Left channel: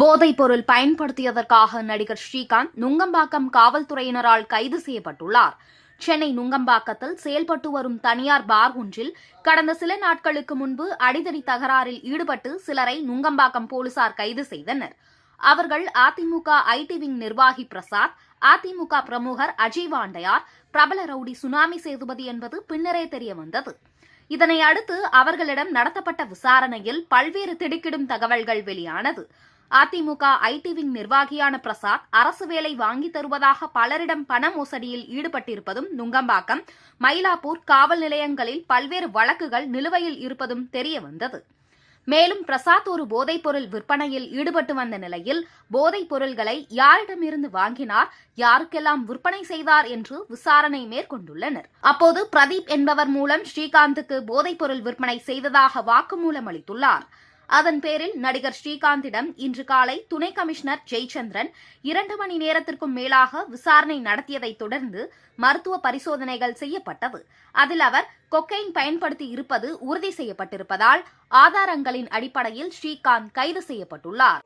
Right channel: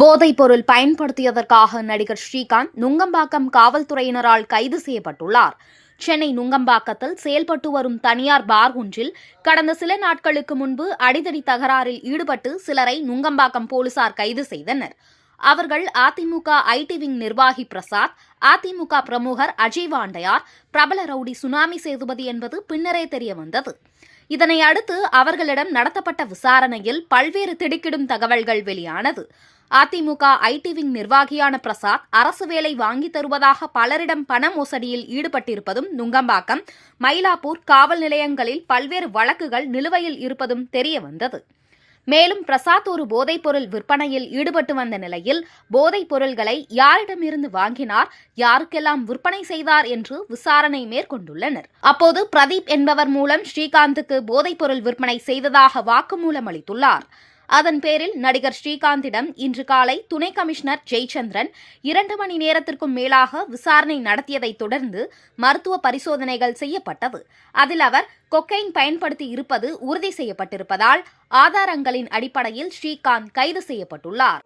போதைப் பொருள் பயன்படுத்தியதற்காக நடிகர் ஸ்ரீகாந்த் நுங்கம்பாக்கம் காவல்துறையினரால் கைது செய்யப்பட்டுள்ளார். சென்னை நுங்கம்பாக்கத்தில் செயல்பட்டு வரும் தனியார் பார் ஒன்றில் கடந்த சில நாட்களுக்கு முன்பு அடிதடி தகராறில் ஈடுபட்டு சிலரை நுங்கம்பாக்கம் போலீசார் கைது செய்தனர். அவர்கள் அதிமுக ஐடி விங் நிர்வாகி பிரசாத், அதிமுக பிரமுகர் அஜய் வாண்டையார், பிரபல ரவுடி சுனாமி சேதுபதி என்பது பின்னரே தெரியவந்தது. இதனை அடுத்து அவர்களிடம் நடத்தப்பட்ட விசாரணையில் பல்வேறு திடுக்கிடும் தகவல்கள் வெளியானது. அதிமுக ஐடி விங் நிர்வாகியான பிரசாத் அரசு வேலை வாங்கி தருவதாக பலரிடம் பண மோசடியில் ஈடுபட்டிருப்பதும், நுங்கம்பாக்கம், மயிலாப்பூர் காவல் நிலையங்களில் பல்வேறு வழக்குகள் நிலுவையில் இருப்பதும் தெரியவந்தது. மேலும் பிரசாத் ஒரு போதைப்பொருள் விற்பனையில் ஈடுபட்டு வந்த நிலையில் போதைப் பொருள்களை யாரிடமிருந்து வாங்கினார், யாருக்கெல்லாம் விற்பனை செய்தார் என்று விசாரணை மேற்கொண்டுள்ளனர். அப்போது பிரதீப் என்பவர் மூலம் ஸ்ரீகாந்துக்கு போதைப்பொருள் விற்பனை செய்ததாக வாக்குமூலம் அளித்துள்ளார். அதன் பேரில் நடிகர் ஸ்ரீகாந்திடம் இன்று காலை துணை கமிஷனர் ஜெயச்சந்திரன் 2 மணி நேரத்திற்கும் மேலாக விசாரணை நடத்தியதைத் தொடர்ந்து மருத்துவ பரிசோதனைகள் செய்யப்பட்டது. அதில் அவர் கொக்கைன் பயன்படுத்தி இருப்பது உறுதி செய்யப்பட்டிருப்பதால் ஆதாரங்களின் அடிப்படையில் ஸ்ரீகாந்த் கைது செய்யப்பட்டுள்ளார்.